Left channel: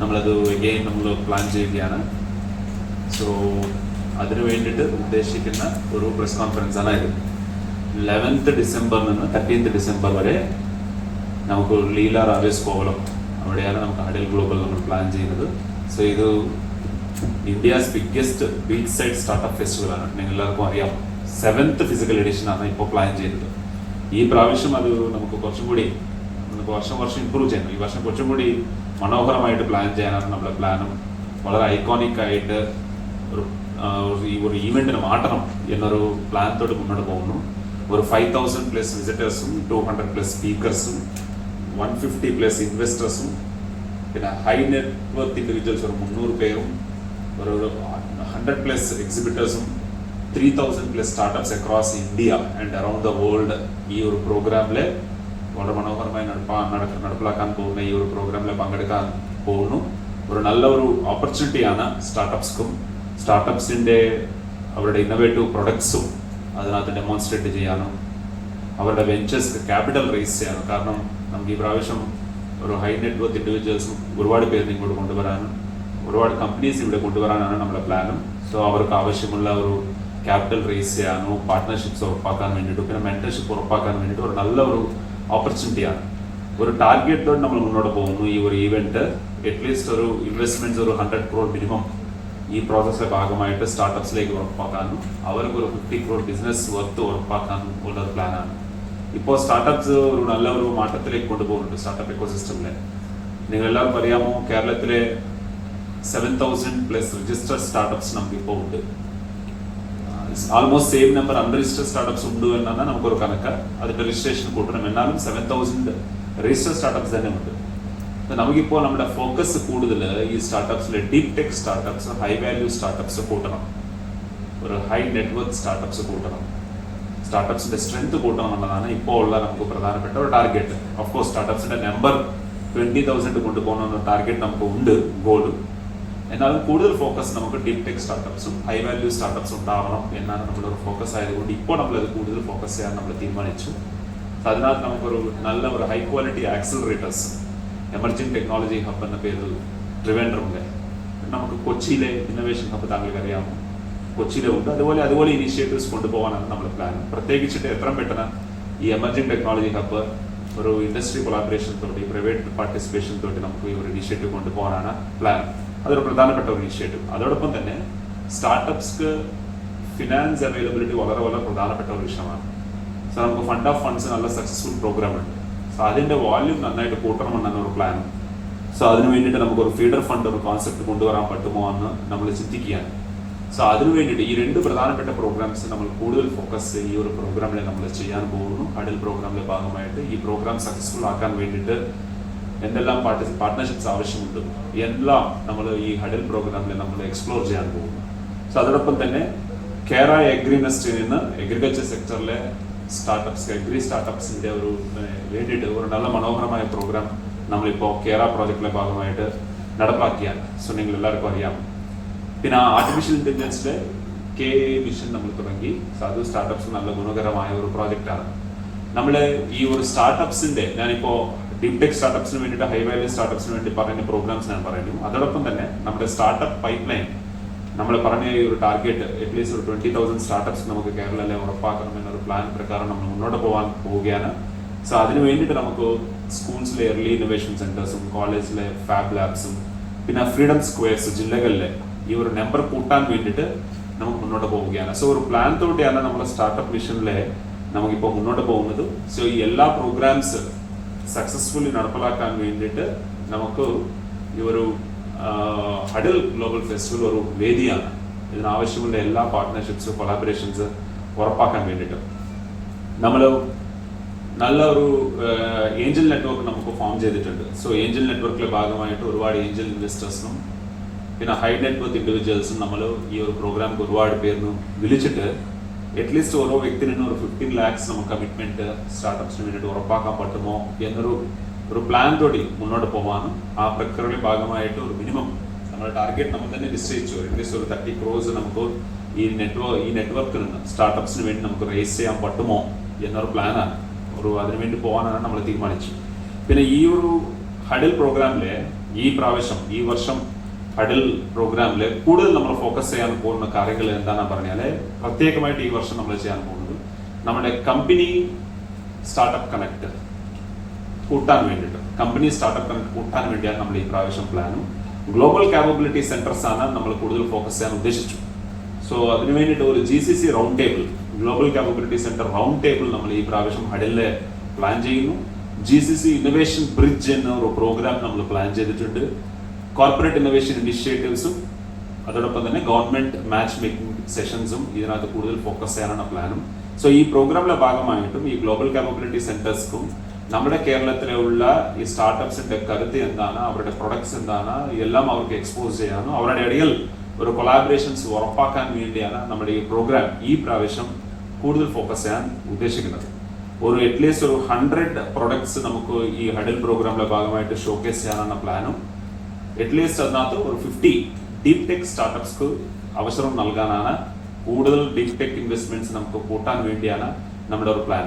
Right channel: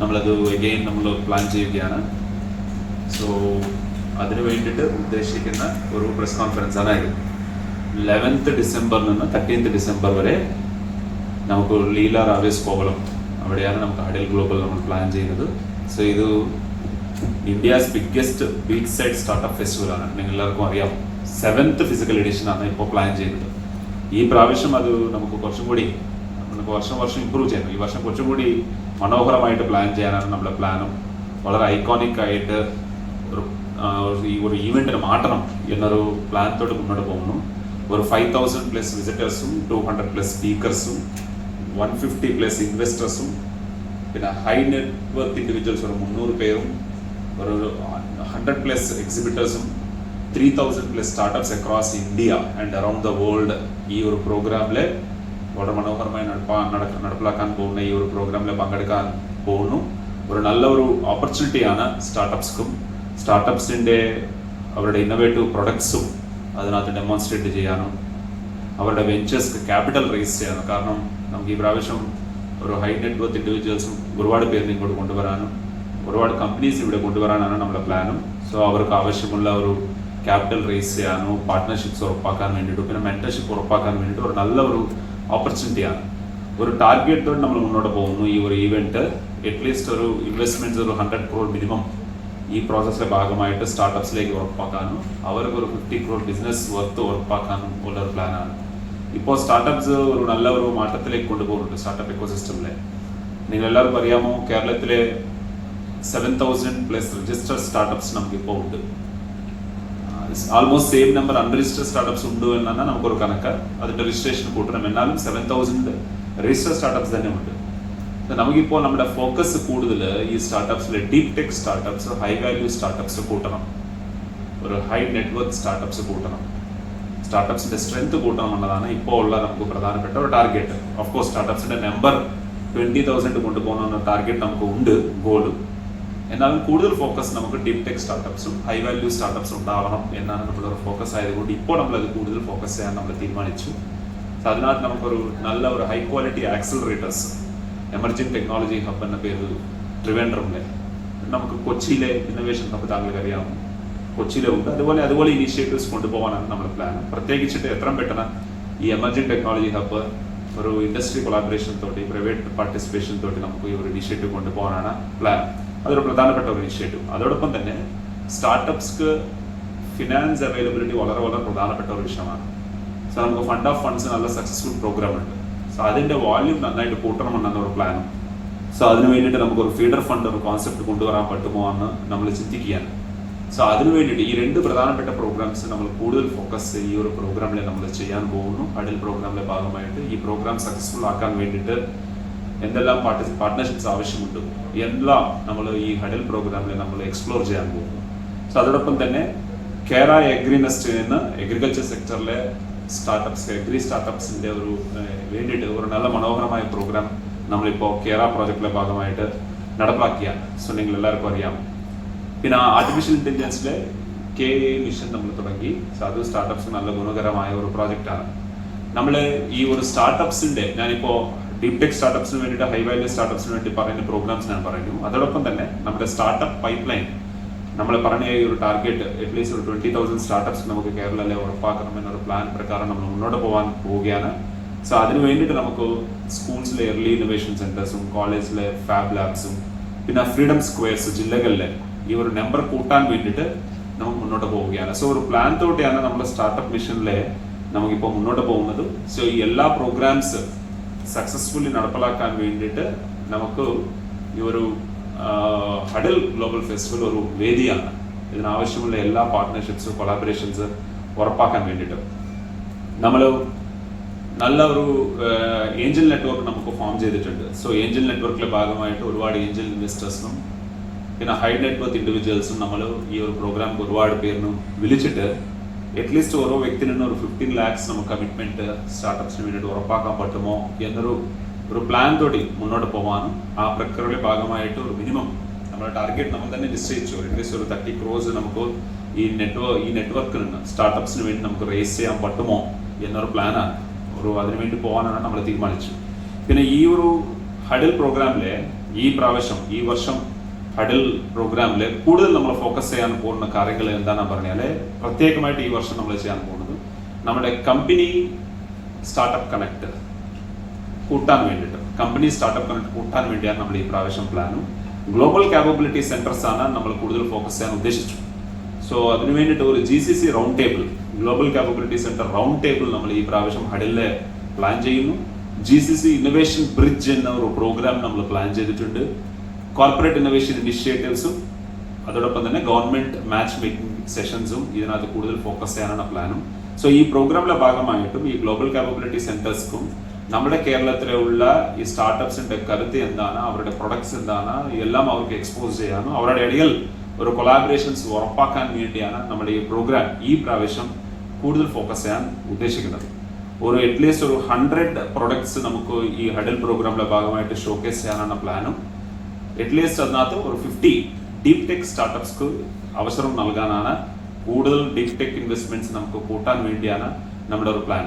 നമ്മളത് എഗെയിൻ നമ്മൾ പ്ലാൻ ചെയ്യുകയാണ്. സോ അതിനു വേണ്ടിയിട്ട് ഉദ്ദേശിക്കുന്ന ഒരു പ്രസ് കോൺഫറൻസ് ഇത്. ലെവൻത്ത് ഡിസംബറിൽ നിന്ന് തേർട്ടീൻത്ത് ഡിസംബർ വരെ നമുക്ക് ലീല റാവേസ് കോവലം അവിടെയാണ് നമുക്ക് അഡൽ ഗ്ലോബൽ നമ്മൾ പ്ലാൻ ചെയ്യുന്നത്. സോ ഇത് India's biggest beach side startup festival ആണ്. നിങ്ങൾ എല്ലാവർക്കും അറിയാം. സെവൻത്ത് ഫിസിക്കൽ എഡിഷൻ ആണ് ഇപ്പോൾ പ്ലാൻ ചെയ്യുന്നത്. ഈ പ്രാവശ്യം അത് നമുക്ക് കുറച്ചും കൂടി വർഷം വർഷം ഇമ്പ്രൂവ് ചെയ്യണം. ഈ വർഷം കുറച്ചും കൂടി മനോഹരമായിട്ട് പ്ലാൻ ചെയ്യാനാണ് നമ്മുടെ പ്ലാനും വളരെ ഐക്കോണിക് ആയിട്ട് ഒരു ഈ ഒരു ഈവെന്റിന് മാറ്റണം എന്നൊരു പ്ലാനത്തോട് മുന്നോട്ട് പോകുന്നു. ഒരു ഫൈവ് തൗസൻഡ് പ്ലസ് വിസിറ്റേഴ്സും ടു ഹൺഡ്രഡ് പ്ലസ് സ്പീക്കേഴ്സും വൺ ഫിഫ്റ്റി പ്ലസ് ഇൻവെസ്റ്റേഴ്സും പിന്നെ ഹൈ നെറ്റ്വർത്ത് ഇൻഡിവിജ്വൽസ് ഒരു മുന്നൂറ് പേരും ഒരു hundred plus എക്സിബിറ്റേഴ്സും three thousand plus startups across India and around the world ഈ ഒരു പ്രോഗ്രാമിലെ വളരെ മനോഹരമായി നടപ്പിലാക്കാൻ പോകുന്ന ഈ ഒരു പ്രോഗ്രാമിൽ പങ്കെടുക്കാൻ പോകുന്നു. ഒരു നല്ല ഒരു ഓപ്പർച്യൂണിറ്റിയാണ് സ്റ്റാർട്ടപ്സ്ക്കും സ്റ്റാർട്ടപ്സിന്റെ അവരുടെ ഇന്നോവേറ്റീവ് പ്രൊഡക്ട്സും അതിനകത്ത് ഡെമോൺസ്ട്രേറ്റ് ചെയ്യാനും അവരുടെ വെഞ്ചേഴ്സ് ക്യാപിറ്റൽ റേസ് ചെയ്യാനും. കാരണം നമുക്ക് ഈ പ്രാവശ്യം ഒരു ഹൈ നെറ്റ്വർത്ത് ഇൻഡിവിജ്വൽസും ഒരുപാട് പേര് ഇങ്ങോട്ട് കൊണ്ടുവരാനും ഒരുപാട് കമ്പനീസ് ഇവിടെ കൊണ്ടുവരാനാണ് നമ്മുടെ പ്ലാനും സോ അവർക്ക് ആവശ്യമുള്ള ഒരു ക്യാപിറ്റൽ റേസ് ചെയ്യാനും പാർട്ട്ണർഷിപ്സ് ഉറപ്പാക്കാൻ വേണ്ടിയിട്ടും പിന്നെ മെന്റർഷിപ്പ് ഉറപ്പാക്കാൻ വേണ്ടിയിട്ട് ഒരു നല്ല ഒരു ഓപ്പർച്യൂണിറ്റിയാണ് ഒരു ടാർഗറ്റോട് നമ്മൾ മുന്നോട്ട് പോകുന്നു ഈ ഒരു ഈവെന്റ് അറ്റ്ലീസ്റ്റ് ഒരു ഇൻവെസ്റ്റ്മെന്റ്സ് ഒരു ഹൺഡ്രഡ് ക്രോർ മിനിമം ഈ പ്രോസസ്സിന്റെ ഭാഗമായിട്ട് സ്റ്റാർട്ടപ്സിലേക്ക് ഉറപ്പാക്കാനും അവർക്ക് ഒരു ഫിഫ്റ്റി ക്രോർ ബിസിനസ് വർത്ത് ഉറപ്പാക്കാനും ഉള്ള ഒരു പ്ലാനാണ് ഇപ്പോൾ സ്റ്റാർട്ടപ്സ് ഒരു നല്ല ഒരു മാറ്റത്തിലേക്ക് കൊണ്ടുപോകുന്നുണ്ട് സ്റ്റാർട്ടപ്പ് എക്കോസിസ്റ്റമിലെ നിങ്ങൾ എല്ലാവർക്കും അറിയാമോ കേരളത്തിലെ seven thousand plus register startups നമുക്ക് ഇപ്പോൾ ഉണ്ട്. Almost same number unregister startups ഉണ്ട് എന്നാണ് നമുക്കൊരു കണക്ക് അതിന്റെ രജിസ്ട്രേഷൻ കൂട്ടണം എന്നാലും സെവൻ തൗസൻഡ് രജിസ്റ്റർ സ്റ്റാർട്ടപ്സ് തന്നെ ഉണ്ട് അപ്പൊ നമുക്കിപ്പോൾ നമ്മുടെ ഫോക്കസ് കൂടുതൽ ഈ സ്റ്റാർട്ടപ്സിലെ deep tech startups high value startups കൂട്ടണം ഒരു ഹൈ നെറ്റ്വർക്ക് സ്റ്റാർട്ടപ്സ് കൂട്ടണം സ്റ്റാർട്ടപ്സിന്റെ സ്ട്രെങ്ത് കൂട്ടണം എന്നുള്ളതാണ് ഇപ്പോൾ ഉള്ള നമുക്ക് പ്രധാനപ്പെട്ട ഒരു ടാർഗറ്റ് ഓഫ് കോഴ്സ് സ്റ്റാർട്ടപ്സിന്റെ നമ്പർ ട്വന്റി തൗസൻഡ് കൊണ്ടുപോകുന്ന ടാർഗറ്റ് നമുക്ക് ഉണ്ട് ഗോൾ എന്നാലും കൂടുതൽ ഫോക്കസ് നമുക്ക് ഡീപ് ടെക് സ്റ്റാർട്ടപ്സും ഹൈ വാല്യൂ സ്റ്റാർട്ടപ്സ് ഉണ്ടാവണം എന്നാണ് നമ്മളൊരു ഫോക്കസ് ആയതുകൊണ്ട് ഇപ്പോൾ നമ്മളത് കൂടുതൽ ഫോക്കസ് ചെയ്യാൻ നമ്മൾ തീരുമാനിച്ചു. അതിനകത്ത് നമുക്കൊരു നല്ല ഒരു high quality accelerators emerging technology hub എന്ന പേരിൽ ട്രിവാൻഡ്രമിലെ നമുക്ക് കൊച്ചിയിലെ ഇന്നോവേഷൻ ഹബ് താങ്കൾക്ക് അറിയാം. കൊച്ചിയിലുണ്ട് അതുപോലെ അതുപോലെ ഇനീഷ്യേറ്റീവ്സ് കൊണ്ടുപോകാനാണ് നമ്മൾ പ്ലാൻ പ്രത്യേകിച്ചിട്ട് എത്രയും പെട്ടെന്ന് ഈ എമർജിംഗ് ടെക്നോളജി ഹബ്ബ് ഒരു ഇൻഡസ്ട്രി കൊളാബറേഷൻ തോട്ടി പ്രൈവറ്റ് പാർട്ടിസിപ്പേഷൻ തോട്ടി നമുക്ക് ഈ ഒരു ഇനീഷ്യേറ്റീവ് കൊണ്ടുപോകാനാണ് പ്ലാൻ അതൊരു പ്രധാനപ്പെട്ട ഒരു ഇനിഷ്യേറ്റീവ് അതോടൊപ്പം തന്നെ സ്റ്റാർട്ടപ്സ്ക്ക് ഫിനാൻസ് അവൈലബിലിറ്റി വളരെ വളരെ പ്രധാനപ്പെട്ട ഒരു വിഷയമാണ്. സോ നമുക്ക് ഫണ്ട് ഓഫ് ഫണ്ട്സ് നല്ല സക്സസ്ഫുൾ പ്രോഗ്രാം ഉണ്ട്. സോ അതിന്റെ വാല്യൂം നന്നായിട്ട് കൂട്ടണമെന്നാണ് ഒരു പ്ലാൻ സോ അതിന് വേണ്ടിയിട്ട് നമുക്ക് ഒരു ഫീഡർ ഫണ്ട് ഒരു കോൺസെപ്റ്റ് കൊണ്ടുവരാൻ പറ്റുമോ എന്ന് നമ്മൾ ചിന്തിക്കുകയാണ്. സോ അതിനു വേണ്ടിയിട്ട് ഈ രണ്ട് പ്രധാനപ്പെട്ട പ്രോഗ്രാംസ് നമ്മൾ കൂടുതൽ ഫോക്കസ് ഈ ഒരു പ്രോഗ്രാമിൽ നമ്മൾ ചെയ്യാൻ പോകുന്നു. അടൽ പ്രോഗ്രാമിലെ ഭാഗമായിട്ട് ഈ പ്രോഗ്രാം സക്സസ്ഫുൾ ആക്കാൻ വേണ്ടിയിട്ട് എന്തെല്ലാം പാർട്ട്ണർഷിപ്സ് ആവശ്യമുണ്ട് എല്ലാം നമ്മൾ ഈ ഹഡൽ പ്രോഗ്രാമിൽ നമ്മൾ എക്സ്പ്ലോർ ചെയ്യാൻ പോകുന്നു. സോ അതോടൊപ്പം തന്നെ കേര എഗ്രിനെസ്റ്റ് എന്ന് അഗ്രികൾച്ചർ സെക്ടറിലെ സ്റ്റാർട്ടപ്സ് എഗ്രി സ്റ്റാർട്ടപ്സിന്റെ ഒരു വേണ്ടിയിട്ട് ഒരു നല്ല മനോഹരമായ പ്രോഗ്രാം നമ്മളിപ്പോൾ കേര പ്രോജക്റ്റിലെ ഭാഗമായിട്ട് നടപ്പാക്കിയാണ്. സോ നിങ്ങൾ എല്ലാവർക്കും അറിയാം. പിന്നെ ആർട്ടിഫിഷ്യൽ ഇന്റലിജൻസിലെ കെ മിഷൻ നമ്മൾ തുടങ്ങി. അത് സ്റ്റാർട്ടപ്സ് നല്ല ഗുണകരമായ ഒരു പ്രോജക്റ്റാണ് നമ്മൾ ഈ ഒരു സ്റ്റാർട്ടപ്സിന്റെ ഞാനിപ്പോ ടെക് സ്റ്റാർട്ടപ്സിന് വേണ്ടിയിട്ട് ഹൈ വാല്യൂ സ്റ്റാർട്ടപ്സിന് വേണ്ടി പറയുന്ന പ്രോഗ്രാംസ് ഞാൻ പറയുന്നു. അതോടൊപ്പം തന്നെ നമ്മുടെ സ്റ്റാർട്ടപ്പ് പൈപ്പ് ലൈൻ നമ്മൾ പറഞ്ഞ ഈ ഒരു ടാർഗറ്റ് അറ്റ്ലീസ്റ്റ് ഒരു ട്വന്റി തൗസൻഡ് സ്റ്റാർട്ടപ്സ് നമുക്ക് കേരളത്തിലെ ഉറപ്പാക്കണം എന്നൊരു പ്ലാൻ പ്രകാരം നമ്മൾ മുന്നോട്ട് പോകാൻ പോവുകയാണ്. സോ അതിന് വേണ്ടിയിട്ട് നമുക്ക് സ്കൂൾസിലെ എർലി ഇന്നോവേഷൻ സെന്റേഴ്സും കോളേജിലെ ഫാബ് ലാബ്സും പിന്നെ ഫ്രീഡം സ്ക്വയർസ് ജില്ലകളിലെ ഈ ഒരു നമ്പർ കൂട്ടാൻ വേണ്ടിയിട്ട് നമുക്ക് മുന്നോട്ട് പോവുകയാണ്. സോ ഒരു പ്ലാൻ തോട്ടിയാണ് നമ്മുടെ സ്റ്റാർട്ടപ്പ് മിഷനിലെ നമുക്കിപ്പോൾ മുന്നോട്ട് പോകുന്നത്. സോ ഈ എല്ലാ പ്രോഗ്രാംസ് സക്സസ്ഫുള്ളി നടപ്പിലാക്കാൻ വേണ്ടിയിട്ട് നമുക്ക് ഈ ഒരു ഹഡിൽ ഗ്ലോബൽ ഫെസ്റ്റിവൽ ഒരു വേദിയാണ്. ഇതിനാവശ്യമുള്ള എല്ലാ പാർട്ട്ണർഷിപ്സ് കൊളാബറേഷൻസ് ഉറപ്പാക്കാൻ വേണ്ടിയിട്ട്. നമ്മൾ നല്ല ഒരു ഏഞ്ചൽ നെറ്റ്വർക്ക് നമുക്ക് ഫോം ചെയ്തിട്ടുണ്ട്. സോ ഏഞ്ചൽ നെറ്റ്വർക്കിലെ ഭാഗമായിട്ട് ഒരുപാട് ഏഞ്ചൽ ഇൻവെസ്റ്റേഴ്സിനും പിന്നെ ഹൈ നെറ്റ്വർക്ക് ഇൻഡിവിജ്വൽസും നമ്മൾ ഈ ഒരു പ്രോഗ്രാം ഒരുപാട് പേരിനും വിളിച്ചിട്ട് അറ്റ്ലീസ്റ്റ് ഓരോ വ്യക്തിനും ഒരു ഫിഫ്റ്റീൻ ലാക്സ് നമുക്ക് കമ്മിറ്റ്മെന്റ് സ്റ്റാർട്ടപ്സിന് വേണ്ടിയിട്ട് ഉറപ്പാക്കാൻ പറ്റുമോ എന്നൊരു ഒരു പ്ലാൻ തോടി മുന്നോട്ട് പോകാനും ആ പ്രക്രിയയുടെ ഭാഗമായിട്ട് ഒരു മിനിമം നമ്മുടെ ടാർഗറ്റ് നമ്മൾ തന്നെ നിശ്ചയിച്ചു അറ്റ്ലീസ്റ്റ് ഒരു തേർട്ടി ക്രോസ് നമുക്ക് ഈ നെറ്റ്വർക്ക് ഈ നെറ്റ്വർക്കിൽ നിന്ന് സ്റ്റാർട്ടപ്സിന് വേണ്ടി നമുക്ക് റേസ് ചെയ്യാൻ പറ്റുമോ എന്നൊരു പ്ലാനാണ് ഒരു അതിനുവേണ്ടി പോകാനാണ് നമ്മൾ തീരുമാനിച്ചു പിന്നെ ഈ ഒരു ഹഡിൽ പ്രോഗ്രാമിലെ ഈ പ്രാവശ്യം ഈ വർഷം ഹഡിൽ പ്രോഗ്രാമിൽ കൂടുതൽ നമ്മൾ ഫോക്കസ് ചെയ്യാൻ പോകുന്ന കാര്യങ്ങൾ എന്താണെന്ന് പറഞ്ഞാൽ പ്രത്യേകമായിട്ട് ഈ വർഷം നമ്മൾ ചെയ്യാൻ പോകുന്നത് നമ്മുടെ കമ്പനി സ്റ്റാർട്ടപ്പ് കണക്ട് കൂട്ടാൻ വേണ്ടിയിട്ട്. കമ്പനി സ്റ്റാർട്ടപ്പ് കണക്ട് കൂട്ടാൻ വേണ്ടിയാണ് നമ്മൾ ഈ പ്രാവശ്യം പ്ലാനും ഗ്ലോബൽ കാപ്പബിലിറ്റി സെന്റർസ് ആണ് നമ്മൾ കൂടുതൽ ഫോക്കസ് ചെയ്യാൻ ഉദ്ദേശിച്ചു സോ അതിനു വേണ്ടിയിട്ട് ഒരു G C C round table global capability centre round table നമ്മൾ ഈ പ്രാവശ്യം ഹഡലിൽ പ്ലാൻ ചെയ്യുന്നു. G C C innovation bridge എന്ന ഒരു പ്രോഗ്രാം നമ്മൾ പ്ലാൻ ചെയ്തിട്ടുണ്ട്. കോർപ്പറേറ്റ് ഇന്നോവേഷൻ ഇനിഷ്യേറ്റീവ്സും അതോടൊപ്പം തന്നെ ഗവൺമെന്റ് മാച്ച് മേക്കിംഗ് സെഷൻസും ഇതിനകത്ത് കൂടുതൽ ഫോക്കസ് ചെയ്യാനാണ് പ്ലാനും സോ ഈ പ്രോഗ്രാമിലെ ഭാഗമായിട്ടും ഈ ഗ്ലോബൽ കാപ്പബിലിറ്റി സെന്റേഴ്സ്ക്കും നമ്മുടെ കേരളത്തിലുള്ള ഈ സ്റ്റാർട്ടപ്സിന്റെ കരുത്ത് എന്താണ് അവരുടെ പ്രൊഡക്ട്സ് എന്താണ് എല്ലാം അവർക്ക് എക്സ്പോസ് ചെയ്യാനും അവരുടെ ഇടയിൽ ഒരു കൊളാബറേഷൻസ് ഉറപ്പാക്കാൻ വേണ്ടിയാണ് നമ്മുടെ ഈ പ്രോഗ്രാം ഈ പ്രാവശ്യം കൂടുതൽ ഫോക്കസ് ചെയ്യാൻ ഉദ്ദേശിക്കുന്നത്. ഒരു അറ്റ്ലീസ്റ്റ് ഒരു ഹൺഡ്രഡ് പ്രൊഡക്ട്സ് നമുക്ക് ഈ ഹഡൽ പ്രോഗ്രാമിലെ ഭാഗമായിട്ട് ഷോക്കേസ് ചെയ്യാനാണ് പ്ലാനും അറ്റ്ലീസ്റ്റ് അതിനകത്ത് ഒരു ഫിഫ്റ്റി ഡീപ് ടെക് സ്റ്റാർട്ടപ്സ്ക്ക് അവസരം നൽകാനാണ് കൂടുതൽ ഡീപ് ടെക് ഇൻവെസ്റ്റ്മെന്റ്സ് നമുക്ക് കൂട്ടാൻ വേണ്ടിയാണ് നമ്മുടെ ഒരു പ്ലാൻ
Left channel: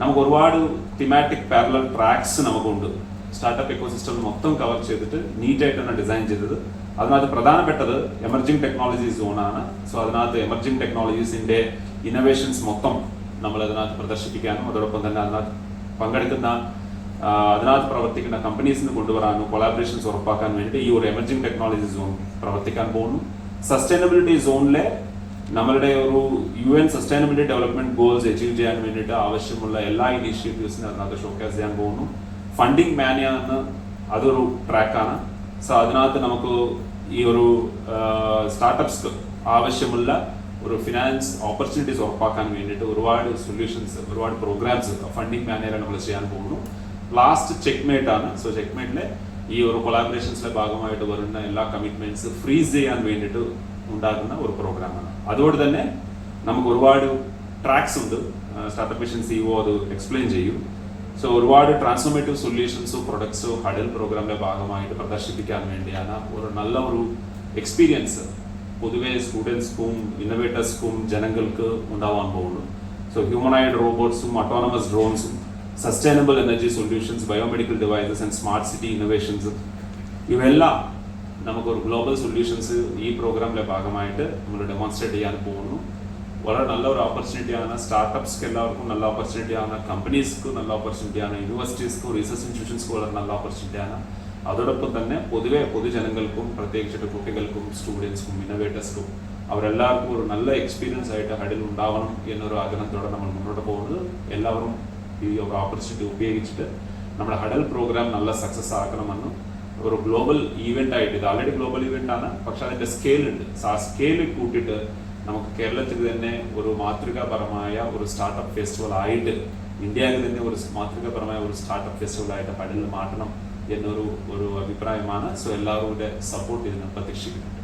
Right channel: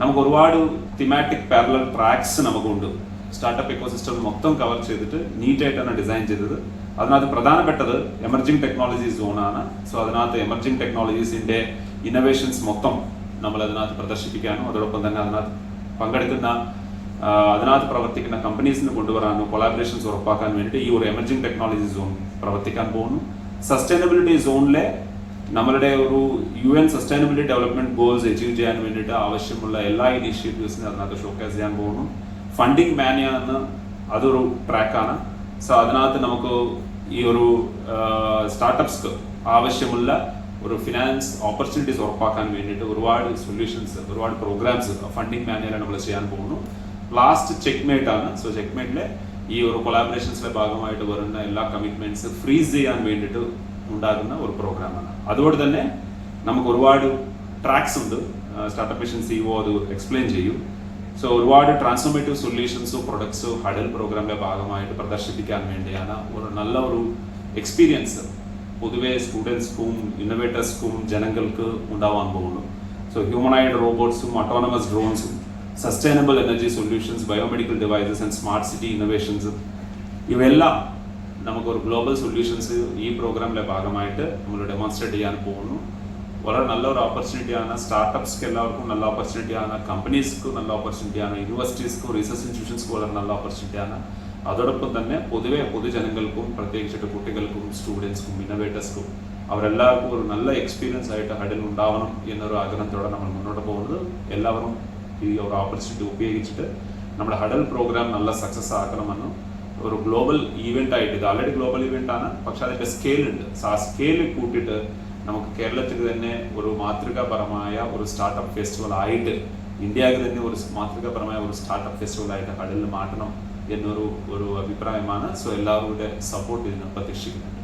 നമുക്ക് ഒരുപാട് തിമാറ്റിക് പാരലൽ ട്രാക്സ് നമുക്കുണ്ട്. സ്റ്റാർട്ടപ്പ് എക്കോസിസ്റ്റം മൊത്തം കവർ ചെയ്തിട്ട് നീറ്റായിട്ട് ആയിട്ടാണ് ഡിസൈൻ ചെയ്തത്. അതിനകത്ത് പ്രധാനപ്പെട്ടത് എമർജിംഗ് ടെക്നോളജി സോണാണ് സോ അതിനകത്ത് എമർജിംഗ് ടെക്നോളജീസിന്റെ ഇന്നോവേഷൻസ് മൊത്തം നമ്മൾ അതിനകത്ത് പ്രദർശിപ്പിക്കാനും അതോടൊപ്പം തന്നെ അതിനകത്ത് പങ്കെടുക്കുന്ന അതിനകത്ത് പ്രവർത്തിക്കുന്ന കമ്പനീസിന് കൊണ്ടുവരാനും കൊളാബറേഷൻസ് ഉറപ്പാക്കാൻ വേണ്ടിയിട്ട് ഈ ഒരു എമർജിംഗ് ടെക്നോളജി സോൺ പ്രവർത്തിക്കാൻ പോകുന്നു. സസ്റ്റൈനബിലിറ്റി സോണിലെ നമ്മളുടെ ഒരു U N sustainability development goals achieve ചെയ്യാൻ വേണ്ടിയിട്ട് ആവശ്യമുള്ള എല്ലാ ഇനീഷ്യേറ്റീവ്സിനും അതിനകത്ത് ഷോക്കേസ് ചെയ്യാൻ പോകുന്നു. ഫണ്ടിങ് മാനിയ അതൊരു ട്രാക്കാണ് സോ അതിനകത്ത് നമുക്ക് ഈ ഒരു സ്റ്റാർട്ടപ്സ്ക്ക് ആവശ്യമുള്ള ഒരു ഫിനാൻസ് ഓപ്പർച്യൂണിറ്റീസ് ഉറപ്പാക്കാൻ വേണ്ടിയിട്ട് ഒരുപാട് സൊല്യൂഷൻസ് ഒരുപാട് പ്രോഗ്രാംസ് ഫണ്ടിങ് മാനേജർ നമ്മൾ ചെയ്യാൻ പോകുന്നു. ലാസ്റ്റ് ചെക്ക്മേറ്റ് ആണ്. സോ ചെക്ക്മേറ്റിലെ ഈ ഒരു കൊളാബറേഷൻസിലെ ഭാഗമായിട്ട് വരുന്ന എല്ലാ കമ്മിറ്റ്മെന്റ്സ് ഫ്രീസ് ചെയ്യാൻ വേണ്ടിയിട്ട് ഉണ്ടാകുന്ന ഒരു പ്രോഗ്രാമാണ് അതുകൊണ്ട് തന്നെ നമുക്ക് ഒരുപാട് ട്രാക്സ് ഉണ്ട്. സ്റ്റാർട്ടപ്പ് മിഷൻ സിഒ അത് എക്സ്പ്ലെയിൻ ചെയ്യും. സോ ഒരുപാട് ട്രാൻസ്ഫോർമേറ്റീവ് സൊല്യൂഷൻസോ പ്രൊഡക്ട്സോ ഹഡൽ പ്രോഗ്രാമിന്റെ ഭാഗമായിട്ട് പ്രദർശിപ്പിക്കാൻ വേണ്ടിയാണ് ഒരു നല്ല ഒരു എക്സ്പീരിയൻസ് പൊതുവെ സ്റ്റുഡൻസ്ക്കും ഇന്നോവേറ്റേഴ്സ്ക്കും ജനങ്ങൾക്ക് ഉണ്ടാവാൻ പോകുന്നു സോ ഹ്യൂമനായിഡ് റോബോട്ട്സും autonomous ഡ്രോൺസും sustainable energy solutions biomedical devices and smart city innovations ഇവയെല്ലാം നമുക്ക് ഒരു ഗ്ലോബൽ സൊല്യൂഷൻസ് ഈ പ്രോഗ്രാമിലെ ഭാഗമായിട്ട് നമ്മൾ ഡെമോൺസ്ട്രേറ്റ് ചെയ്യാൻ പോകുന്നു. വളരെ നല്ലൊരു ഓപ്പർച്യൂണിറ്റിയാണ് സ്റ്റാർട്ടപ്സ്ക്ക് എല്ലാവർക്കും നല്ല ഓപ്പർച്യൂണിറ്റിയാണ് കമ്പനീസ്ക്കും നല്ല ഓപ്പർച്യൂണിറ്റിയാണ് യൂണിവേഴ്സിറ്റീസ്ക്കും റിസർച്ച് ഇൻസ്റ്റിറ്റ്യൂഷൻസ്ക്കും വളരെ നല്ല ഓപ്പർച്യൂണിറ്റിയാണ് അതോടൊപ്പം തന്നെ പൊതുവെ പൊതുജനങ്ങൾക്കും പ്രത്യേകിച്ചിട്ട് കുട്ടികൾക്കും സ്റ്റുഡൻസ്ക്കും ഇന്നോവേറ്റേഴ്സ്ക്കും അവരെല്ലാവർക്കും ഒരു നല്ല എക്സ്പീരിയൻസ് ആയിട്ട് ഹഡിൽ ഉണ്ടാവണം എന്നൊരു ആഗ്രഹത്തോടെ നമ്മൾ മുന്നോട്ട് പോകുന്നത്. എല്ലാവരും ഈ ഒരു ഓപ്പർച്യൂണിറ്റി ഉപയോഗിച്ചിട്ട് നമ്മുടെ ഹഡൽ പ്രോഗ്രാം നല്ല സക്സസ് ആക്കണമെന്ന് ഒരു ഗ്ലോബൽ ഈവെന്റ് ആയിട്ട് ഇത് ഗ്ലോബൽ ഈവെന്റ് ആണ് പക്ഷെ അതിന്റെ സ്കെയിൽ ഉണ്ട്. ആ സ്കെയിൽ കൂട്ടിയിട്ട് നമുക്ക് കേരളത്തിൽ തന്നെ ഒരു മാതൃകാപരമായ ഒരു സ്റ്റാർട്ടപ്പ് ഫെസ്റ്റിവൽ ആയിട്ട് ഇന്ത്യയിൽ തന്നെ ഒരു മാതൃകാപരമായ ഒരു സ്റ്റാർട്ടപ്പ് ഫെസ്റ്റിവൽ ആയിട്ട് ഹഡലിൽ മാറ്റണം എന്നൊരു ഒരു അഭിപ്രായമാണ്. സോ എല്ലാവരുടെ സപ്പോർട്ട് ഇതിന് പ്രതീക്ഷിക്കുന്നു.